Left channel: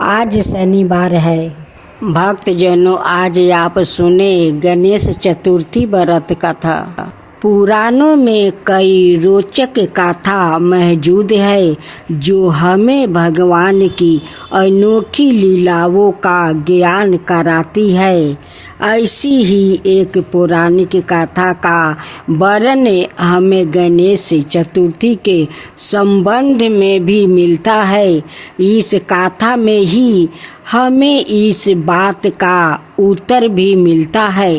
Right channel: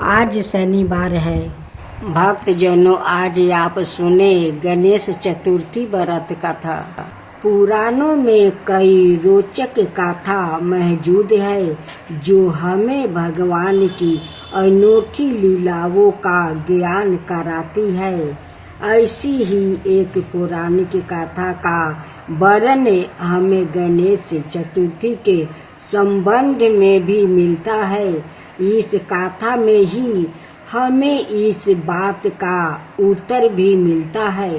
आज शनिवार है। भक्तजनों, आज आप सुने गणेश चतुर्थी व्रत कथा। पुराणों में कई रोचक कथा मौजूद है जो हमें भगवान की अनोखी लीलाओं का ज्ञान कराती है। ऐसी ही एक पौराणिक कथा का वर्णन हमें गणेश चतुर्थी के संबंध में भी मिलता है। इस कथा में ही हमें इस बात का उत्तर भी मिलता है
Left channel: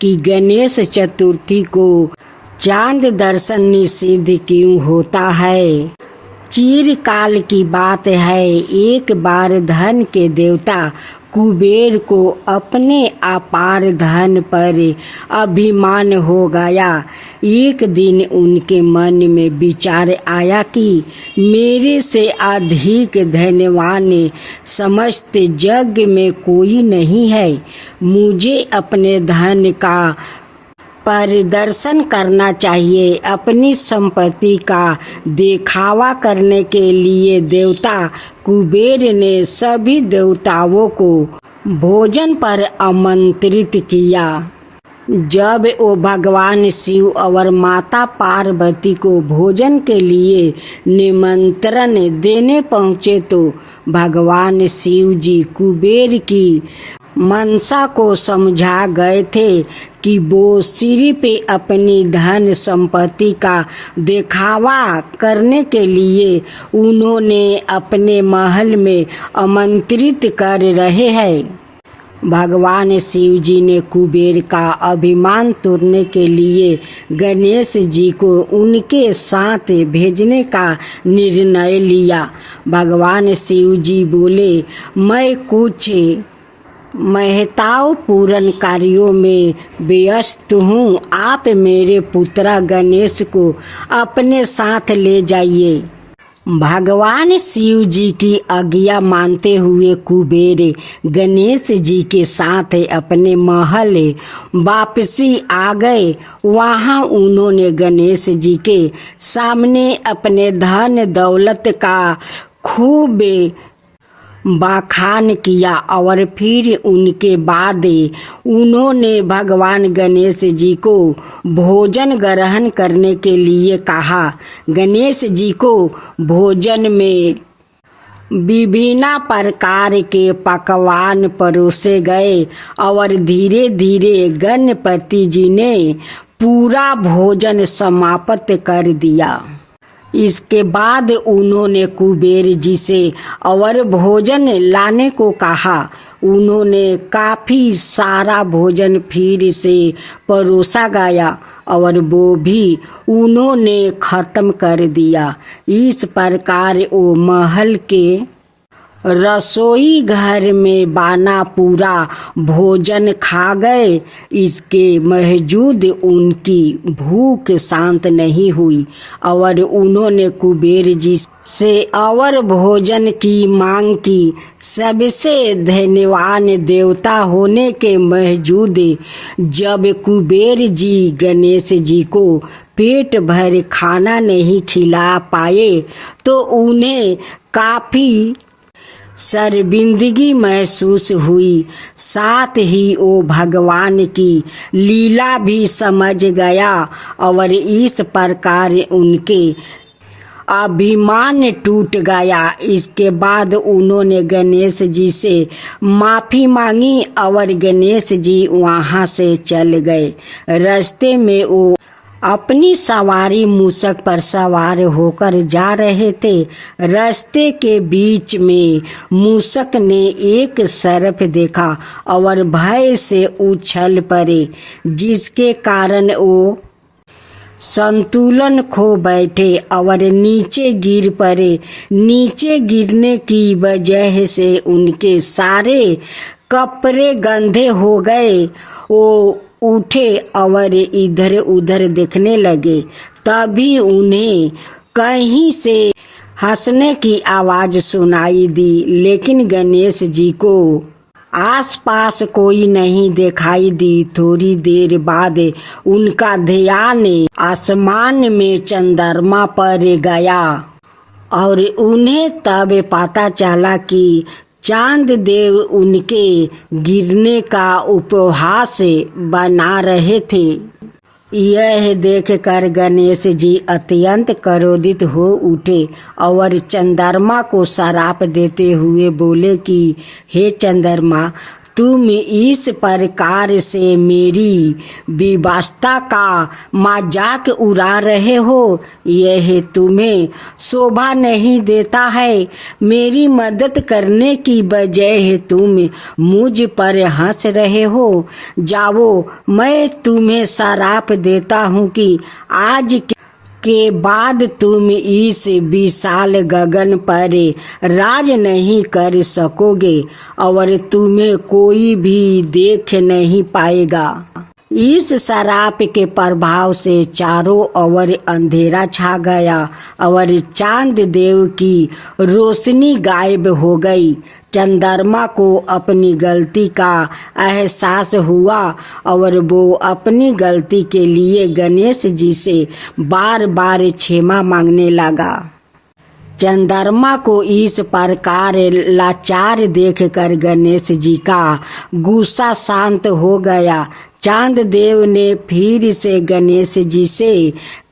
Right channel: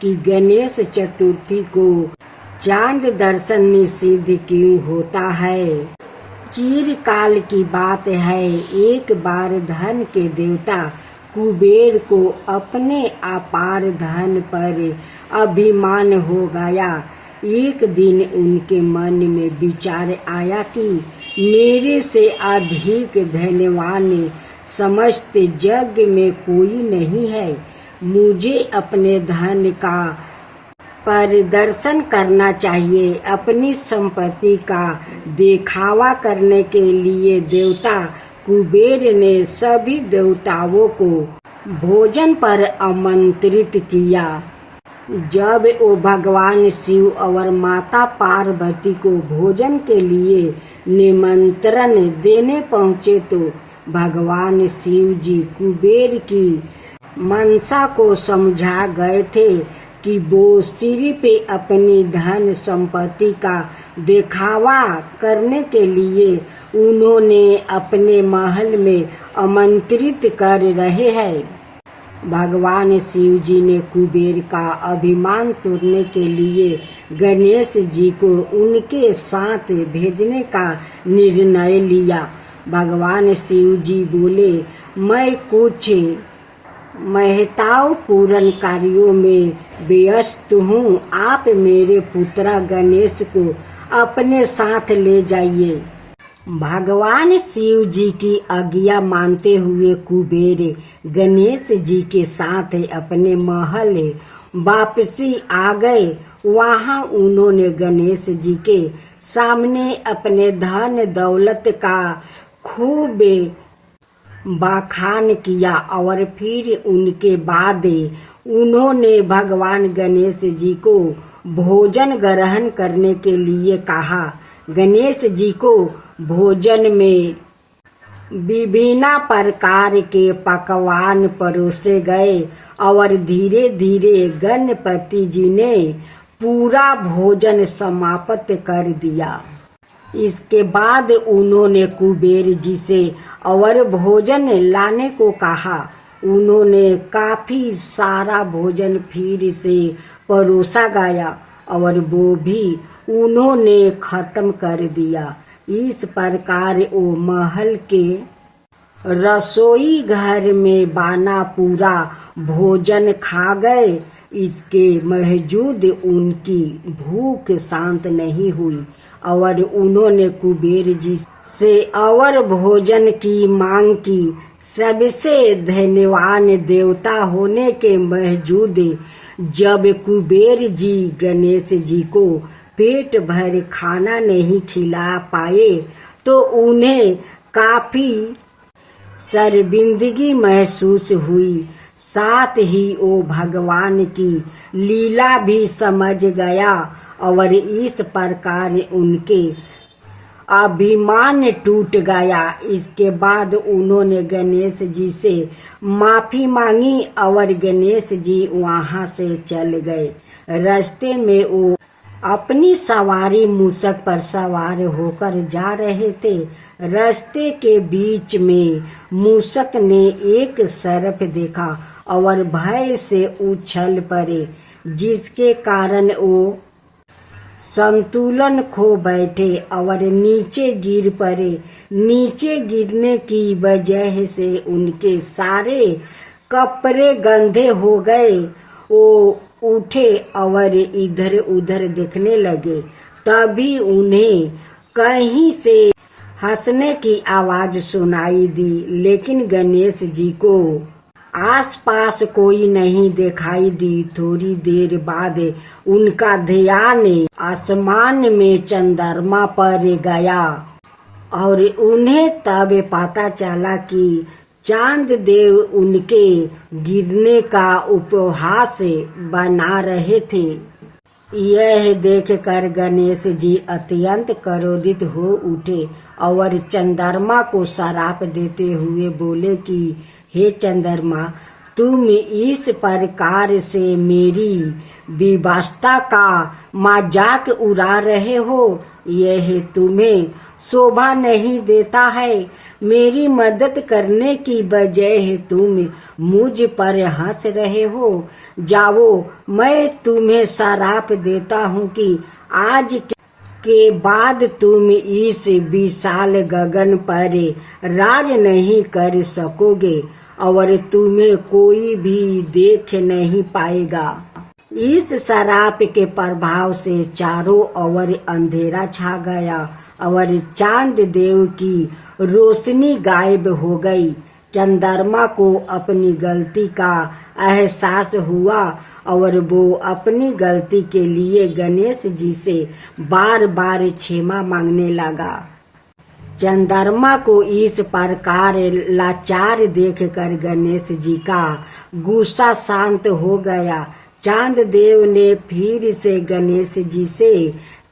कि गणेश चतुर्थी को चांद दर्शन निषिद्ध क्यों होता है। चिरकाल की बात है, एक बार धन के देवता कुबेर को अपने अपार धन पर अभिमान हो गया। एक दिन उनके मन में विचार आया कि मेरे से अधिक धनवान समस्त जग में कोई नहीं है। मुझे अपने धन का प्रदर्शन करना चाहिए। अपनी संपत्ति का दिखावा करने के लिए देवता कुबेर ने सभी देवताओं को भोजन पर आमंत्रित किया। जब वो भगवान शिव और माता पार्वती को भोजन के लिए निमंत्रण देने पहुँचे तो भगवान शिव जी कुबेर की मनसा को समझा गए थे कि वो सिर्फ अपनी धन संपत्ति का दिखावा करने के लिए उन्होंने अपने महल में आमंत्रित कर रहे हैं। भगवान शिव जी ने कुबेर का अभिमान तोड़ने के लिए गणेश जी को उनके साथ भेजने का निर्णय लिया। भगवान शिव जी बोले, मैं कुछ महत्वपूर्ण कार्यों में व्यस्त हूँ। आप मेरे पुत्र गणेश को अपने साथ ले जाइए। भगवान शिव जी की आज्ञा मानते हुए कुबेर गणेश जी के साथ अपने महल वापसी आ गए। वहाँ उन्होंने गणेश जी के सामने अपने धन दौलत का खूब बखान किया और फिर उनके बाद उन्होंने भगवान गणेश जी को भोजन ग्रहण करने के लिए कहा। गणेश जी को भोजन में विभिन्न प्रकार के पकवान परोसे गए और धीरे धीरे गणपति जी ने पूरा भोजन समाप्त कर दिया। इसके बाद उन्होंने कुबेर जी से और भोजन लाने को कहा। उन्होंने काफी सारा भोजन फिर से परोसा गया और वो भी उन्होंने खत्म कर दिया। इस प्रकार वो महल के रसोई घर में बना पूरा भोजन खा गए। इसके बावजूद उनकी भूख शांत नहीं हुई और उन्होंने कुबेर जी से और भोजन की मांग की। सबसे धनवान देवता होने के बावजूद जब कुबेर जी गणेश जी को पेट भर खाना नहीं खिला पाए तो उन्हें काफी शर्मिंदगी महसूस हुई। साथ ही वो भगवान की लीला भी समझ गया और इस प्रकार उनके अभिमान टूट गया। इसके बाद उन्होंने गणेश जी से माफ़ी मांगी और गणेश जी वहाँ से चल गए। रास्ते में वो अपनी सवारी मूषक पर सवार होकर जा रहे थे। रास्ते के बीच में मूषक ने एक सर्प देखा और भय से उछल पड़े, जिसके कारण वो संतुलन खो बैठे और नीचे गिर पड़े। नीचे गिरने की वजह से उनके सारे कपड़े गंदे हो गए। वो उठे और इधर उधर देखने लगे। तभी उन्हें कहीं से हंसने की आवाज सुनाई दी, लेकिन गणेश जी को आसपास कोई नहीं दिखाई दी। थोड़ी देर बाद उनका ध्यान आसमान में चंद्रमा पर गया और उन्हें तब पता चला कि चांद देव उनके गिरने का उपहास बना रहे थे। यह देखकर गणेश जी अत्यंत क्रोधित हो उठे और चंद्रमा को श्राप देते हुए बोले कि हे चंद्रमा, तुम इस प्रकार से मेरी विवस्था का मजाक उड़ा रहे हो, यह तुम्हें शोभा नहीं देता है। मेरी मदद करने की बजाय तुम मुझ पर हंस रहे हो। जाओ, मैं तुम्हें श्राप देता हूँ कि आज के बाद तुम इस विशाल गगन पर राज नहीं कर सकोगे और तुम्हें कोई भी देख नहीं पाएगा। इस श्राप के प्रभाव से चारों ओर अंधेरा छा गया और चांद देव की रोशनी गायब हो गई। चंद्रमा को अपनी गलती का एहसास हुआ और वो अपनी गलती के लिए गणेश जी से बार बार क्षमा मांगने लगा। चंद्रमा को इस प्रकार लाचार देखकर गणेश जी का गुस्सा शांत हो गया। चांद देव ने फिर से गणेश जी से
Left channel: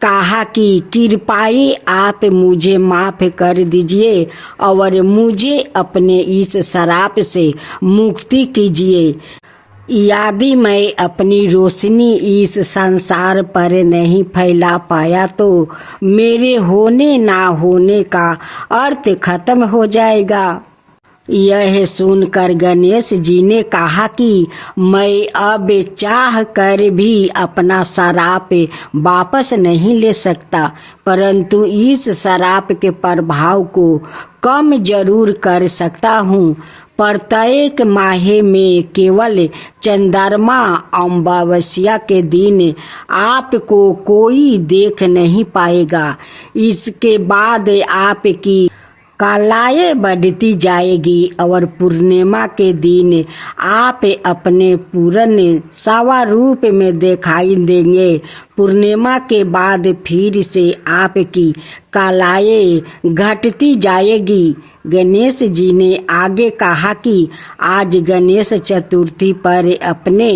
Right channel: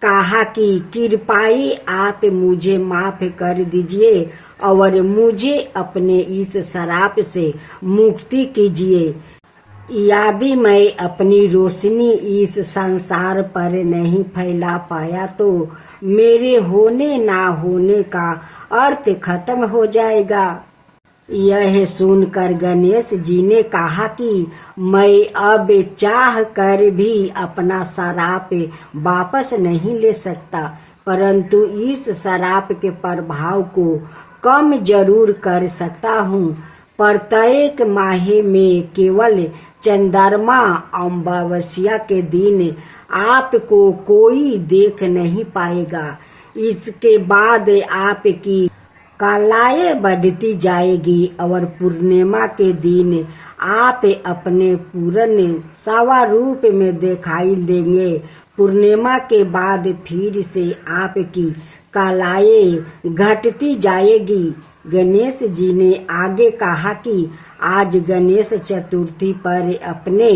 कहा कि कृपाई आप मुझे माफ कर दीजिए और मुझे अपने इस श्राप से मुक्ति कीजिए। यदि मैं अपनी रोशनी इस संसार पर नहीं फैला पाया तो मेरे होने ना होने का अर्थ खत्म हो जाएगा। यह सुनकर गणेश जी ने कहा कि मैं अब चाह कर भी अपना श्राप वापस नहीं ले सकता, परंतु इस श्राप के प्रभाव को कम जरूर कर सकता हूँ। प्रत्येक माह में केवल चंद्रमा अमावस्या के दिन आपको कोई देख नहीं पाएगा। इसके बाद आपकी कलाएं बढ़ती जाएगी और पूर्णिमा के दिन आप अपने पूर्ण स्वरूप में दिखाई देंगे। पूर्णिमा के बाद फिर से आपकी कलाएं घटती जाएगी। गणेश जी ने आगे कहा कि आज गणेश चतुर्थी पर अपने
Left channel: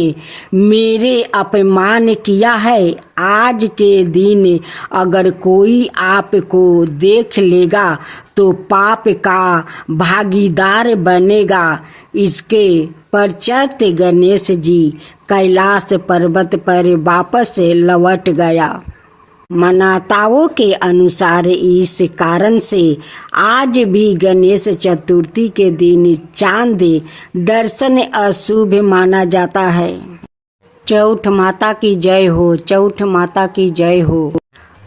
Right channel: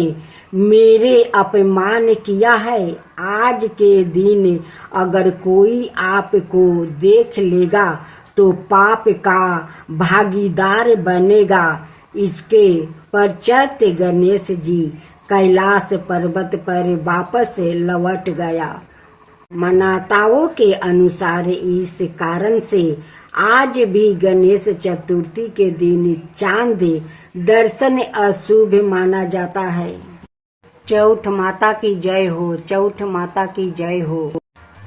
मेरे अपमान किया है। आज के दिन अगर कोई आपको देख लेगा तो पाप का भागीदार बनेगा। इसके पश्चात गणेश जी कैलाश पर्वत पर वापस लौट गया। मान्यताओं के अनुसार इस कारण से आज भी गणेश चतुर्थी के दिन चांद दर्शन अशुभ माना जाता है। चौठ माता की जय हो, चौठ माता की जय हो।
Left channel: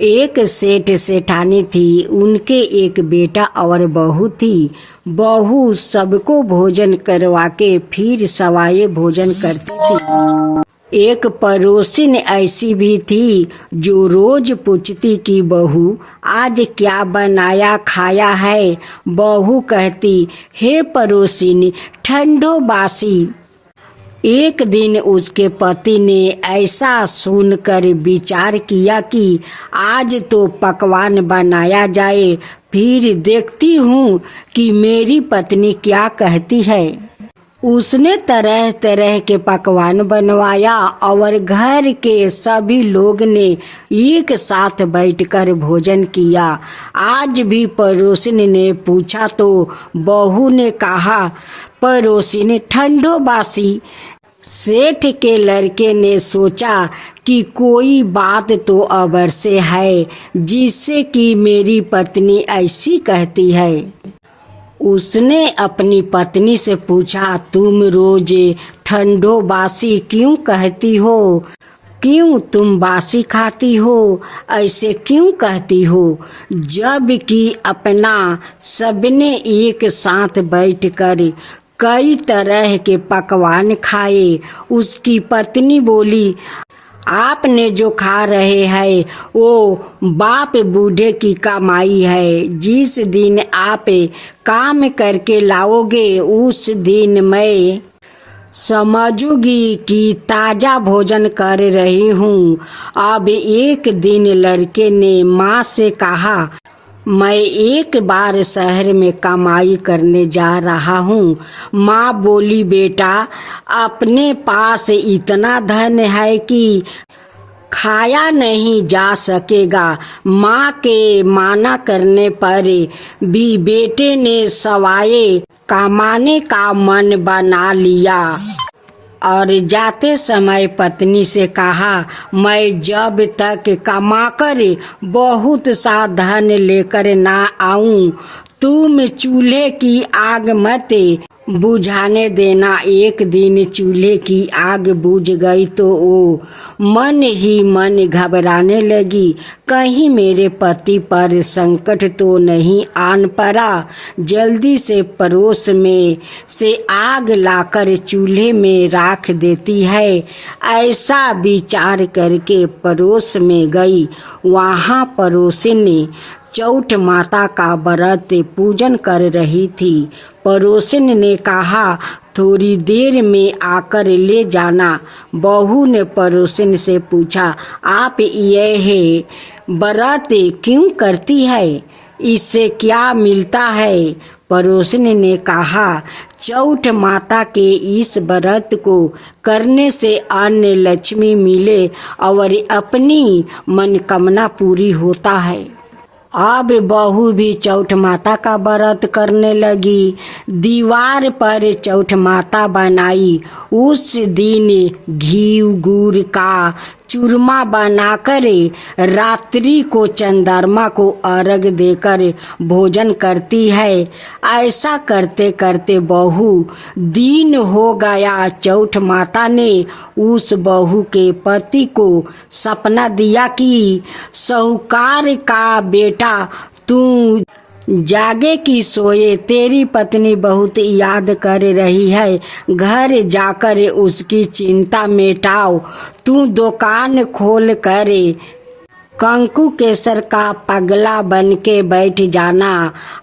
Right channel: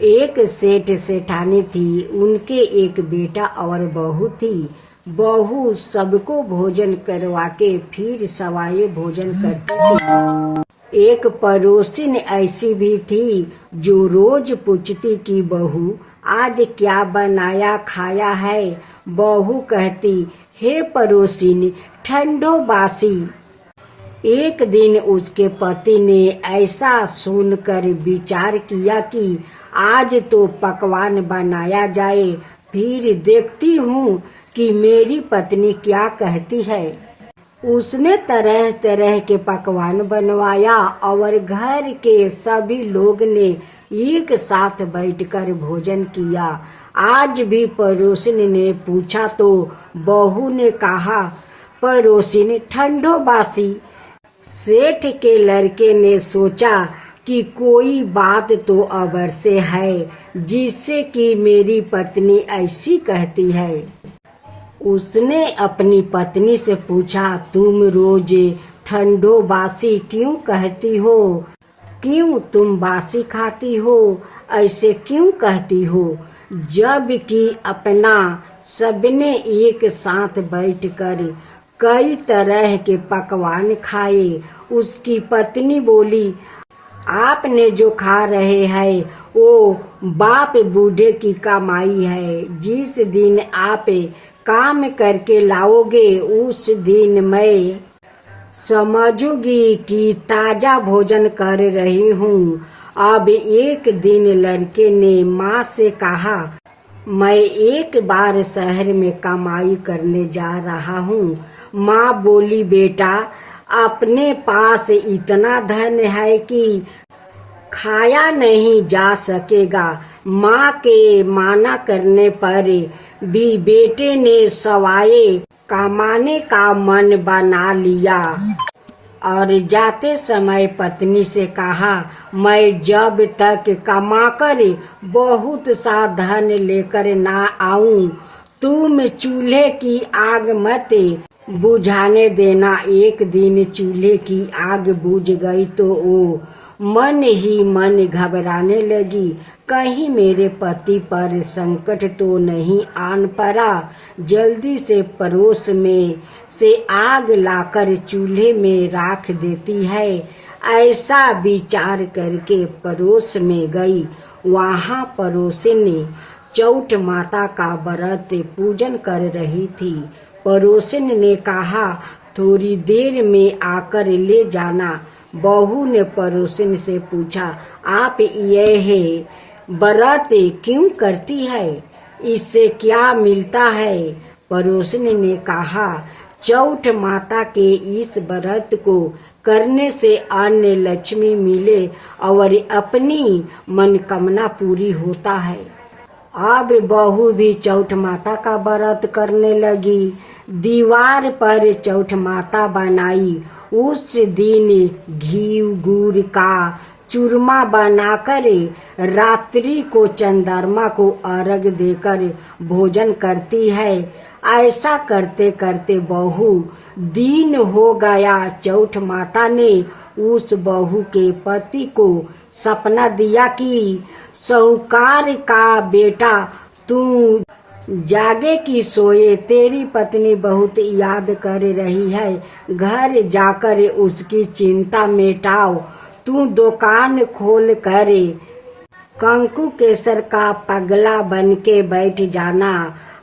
एक सेठ सेठानी थी, उनके एक बेटा और बहू थी। बहू सबको भोजन करवा के फिर सवाए भोजन करती थी। एक पड़ोसिन ऐसी भी थी जो रोज पूछती कि बहू आज क्या बनाया खाया है। बहू कहती, हे पड़ोसिन, ठंडो बासी। एक दिन उसके पति ने ऐसा सुनकर विचार किया कि आज तो पकवान बनाया जाए, फिर देखती हूँ कि मेरी पत्नी क्या कहती है। उसने तरह तरह के पकवान बनवाया और घर के सभी लोग ने एक साथ बैठकर भोजन किया। आज भी पड़ोसिन ने पूछा तो बहू ने कहा, पड़ोसिन ठंडो बासी। सेठ के लड़के ने सोचा कि कोई बात तो अवश्य है जिससे कि मेरी पत्नी ऐसी कहती है। उसने अपनी पत्नी से पूछा, तुम रोज ठंडो बासी क्यों कहती हो? क्यों तुम बासी खाती हो? ऐसे क्यों कहती हो? जब कि अपना सबने एक साथ बैठकर कई तरह के पकवान खाए। उसकी पत्नी बोली, आपने जो खा रहे हैं वो बाप बूढ़े की कमाई है। जिस दिन आप काम करके लाओगे उस दिन मैं समझूंगी कि ताजा भोजन कर रही हूँ। अब एक दिन लड़के ने माँ से कहा, मैं एक बार शहर में कमाई करने जा रहा हूँ। माँ बोली, बेटा अपने पास इतना धन है कि खाया नहीं जा सकेगा। माँ के माना करने पर भी बेटे ने सवाए कमाने का मन बना लिया और जाते समय पत्नी से कहा, मैं जब तक कमाकर बहुत सा धन लेकर ना आऊं, तुम चूल्हे की आग मत बुझाने देना। एक दिन चूल्हे की आग बुझ गई तो वो मन ही मन घबराने लगी, कहीं मेरे पति पर संकट तो नहीं आन पड़ा। जल्दी से पड़ोस में से आग लाकर चूल्हे में राख देती है। ऐसा विचार करके पड़ोस में गई। वहाँ पड़ोसिन चौठ माता का व्रत पूजन कर रही थी। पड़ोसिन ने कहा, थोड़ी देर में आकर ले जाना। बहू ने पड़ोसिन से पूछा, आप यह व्रत क्यों करती है? इससे क्या मिलता है? पड़ोसिन ने कहा, चौठ माता के इस व्रत को करने से अन्न लक्ष्मी मिले और अपनी मनोकामना पूरी होता है। अब बहू भी चौठ माता का व्रत करने लगी। दीवार पर चौठ माता बनाई। उस दिन घी गुड़ का चूरमा बनाकर रात्रि को चंद्रमा को अर्घ देकर भोजन करती है। ऐसा करते करते बहू दिन हो गया। चौठ माता ने उस बहू के पति को सपना दिया कि साहूकार का बेटा तू जागे कि सोए, तेरी पत्नी बहुत याद कर रही है। घर जाकर उसकी चिंता मिटाओ। तू दुकान खोल कर कंकु केसर का पगला बन के बैठ जाना।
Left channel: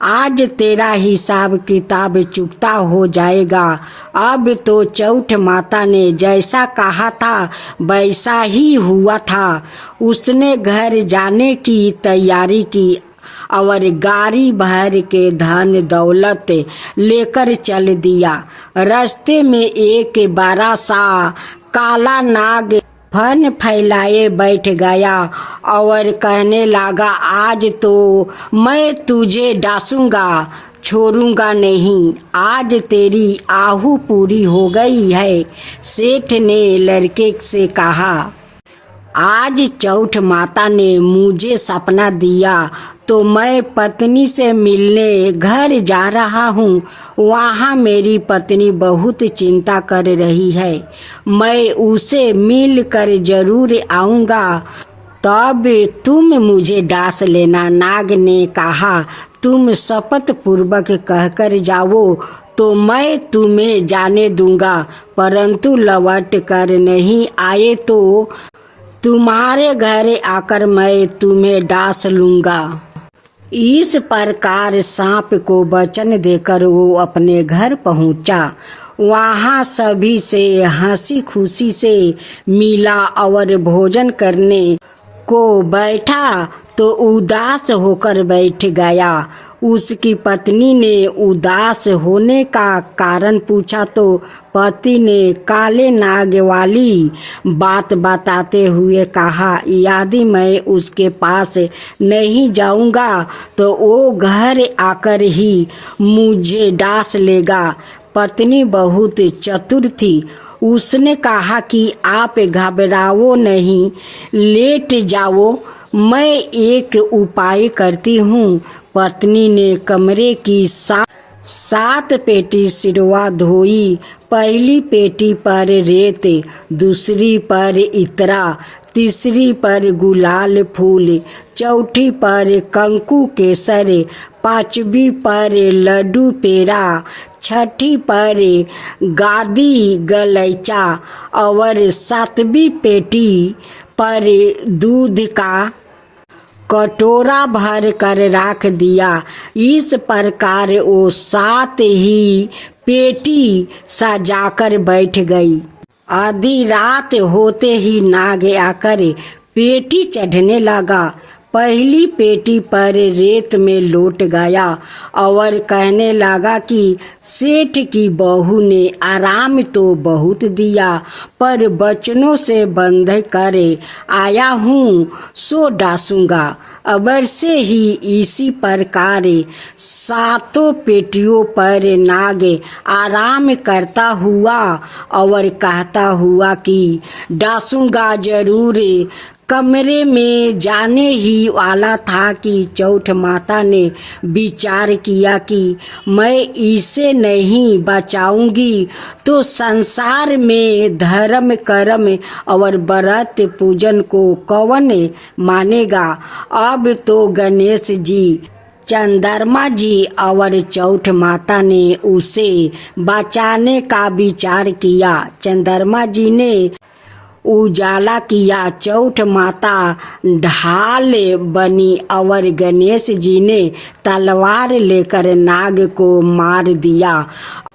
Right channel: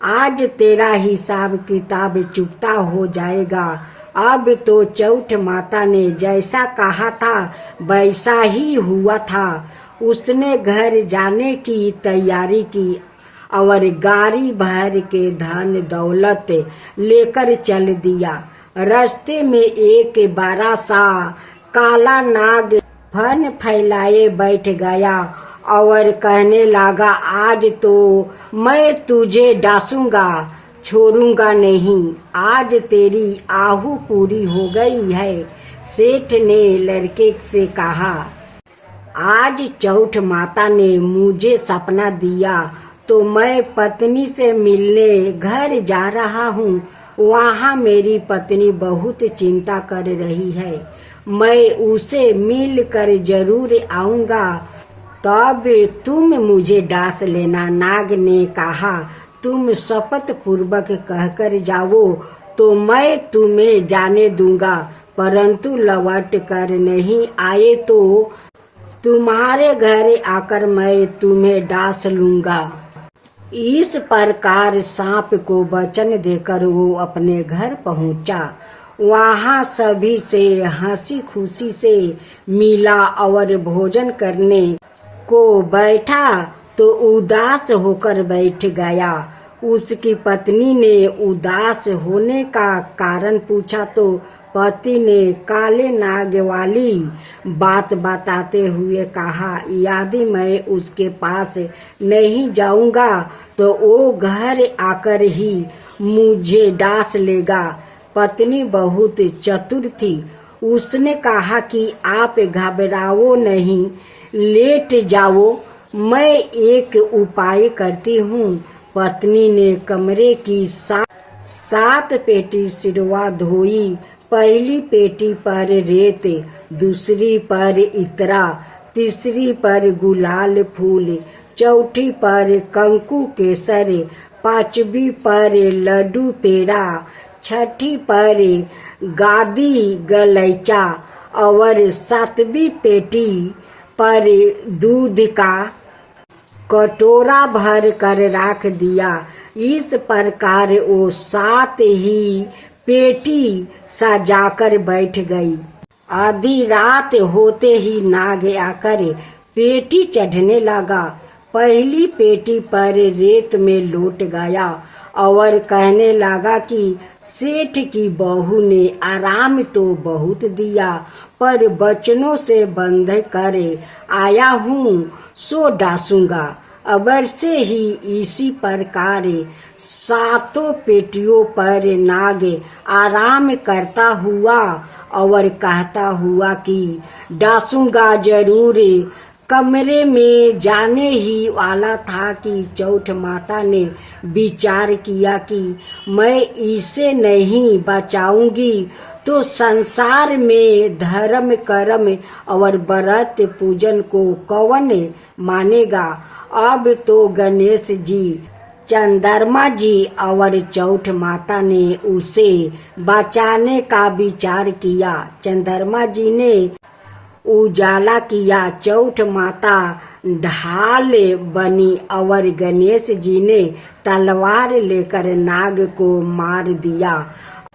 आज तेरा हिसाब किताब चुकता हो जाएगा। अब तो चौठ माता ने जैसा कहा था वैसा ही हुआ था। उसने घर जाने की तैयारी की और गाड़ी भर के धन दौलत लेकर चल दिया। रास्ते में एक बड़ा सा काला नाग फन फैलाए बैठ गया और कहने लगा, आज तो मैं तुझे डांसूंगा, छोड़ूंगा नहीं। आज तेरी आहू पूरी हो गई है। सेठ ने लड़के से कहा, आज चौठ माता ने मुझे सपना दिया तो मैं पत्नी से मिलने घर जा रहा हूँ। वहाँ मेरी पत्नी बहुत चिंता कर रही है। मैं उसे मिल कर जरूर आऊँगा, तब तुम मुझे डांस लेना। नाग ने कहा, तुम शपथ पूर्वक कहकर जाओ तो मैं तुम्हें जाने दूंगा, परंतु लौट कर नहीं आए तो तुम्हारे घर आकर मैं तुम्हें डांस लूंगा। इस प्रकार सांप को वचन देकर वो अपने घर पहुंचा। वहाँ सभी से हंसी खुशी से मिला और भोजन करने को बैठा तो उदास होकर बैठ गया। उसकी पत्नी ने उदास होने का कारण पूछा तो पति ने काले नाग वाली बात बताते हुए कहा, यदि मैं उसके पास नहीं जाऊंगा तो वो घर आकर ही मुझे डांस लेगा। पत्नी बहुत चतुर थी। उसने कहा कि आप घबराओ नहीं, लेट जाओ, मैं एक उपाय करती हूँ। पत्नी ने कमरे की सात पेटी सिरवा धोई। पहली पेटी पर रेत, दूसरी पर इतरा, तीसरी पर गुलाल फूल, चौथी पर कंकु केसर, पांचवी पर लड्डू पेड़ा, छठी पर गादी गलैचा और सातवीं पेटी पर दूध का कटोरा भर कर रख दिया। इस प्रकार वो सात ही पेटी सजाकर बैठ गई। आधी रात होते ही नाग आकर पेटी चढ़ने लगा। पहली पेटी पर रेत में लौट गया और कहने लगा कि सेठ की बहू ने आराम तो बहुत दिया, पर बचनों से बंध कर आया हूँ सो डासूंगा। अबर से ही इसी प्रकार 7 पेटियों पर नाग आराम करता हुआ और कहता हुआ कि डासूंगा जरूर। कमरे में जाने ही वाला था कि चौठ माता ने विचार किया कि मैं इसे नहीं बचाऊंगी तो संसार में धर्म कर्म और व्रत पूजन को कौन मानेगा। अब तो गणेश जी, चंद्रमा जी और चौठ माता ने उसे बचाने का विचार किया। चंद्रमा जी ने उजाला किया, चौठ माता ढाल बनी और गणेश जी ने तलवार लेकर नाग को मार दिया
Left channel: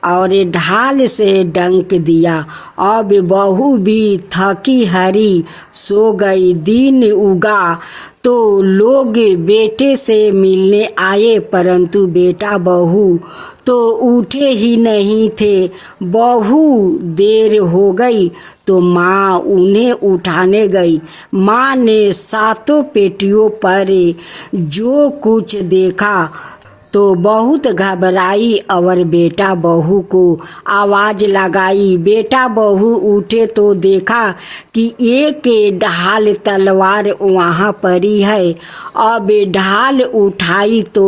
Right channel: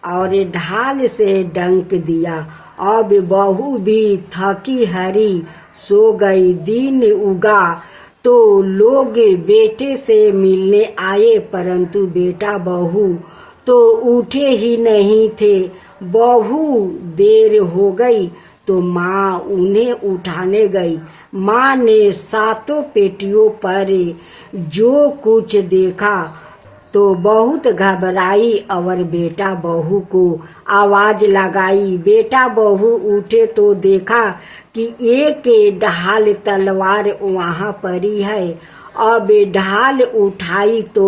और ढाल से डंक दिया। अब बहू भी थकी हारी सो गई। दिन उगा तो लोग बेटे से मिलने आए, परंतु बेटा बहू तो उठे ही नहीं थे। बहू देर हो गई तो माँ उन्हें उठाने गई। माँ ने 7 पेटियों पर जो कुछ देखा तो बहुत घबराई और बेटा बहू को आवाज लगाई। बेटा बहू उठे तो देखा कि एक ढाल तलवार वहाँ पड़ी है। अब ढाल उठाई तो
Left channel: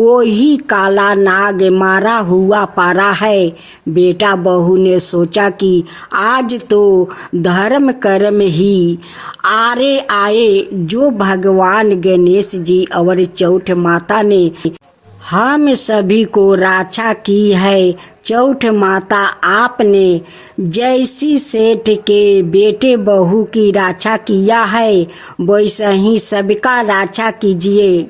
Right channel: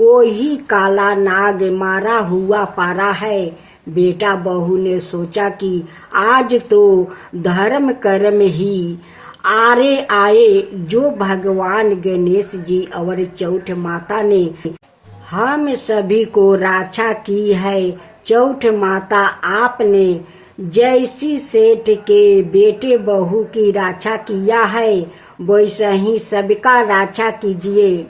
वही काला नाग मारा हुआ पड़ा है। बेटा बहू ने सोचा कि आज तो धर्म कर्म ही आरे आए, जो भगवान गणेश जी और चौठ माता ने हम सभी को रक्षा की है। चौठ माता, आपने जैसी सेठ के बेटे बहू की रक्षा किया है वैसे ही सबका रक्षा कीजिए।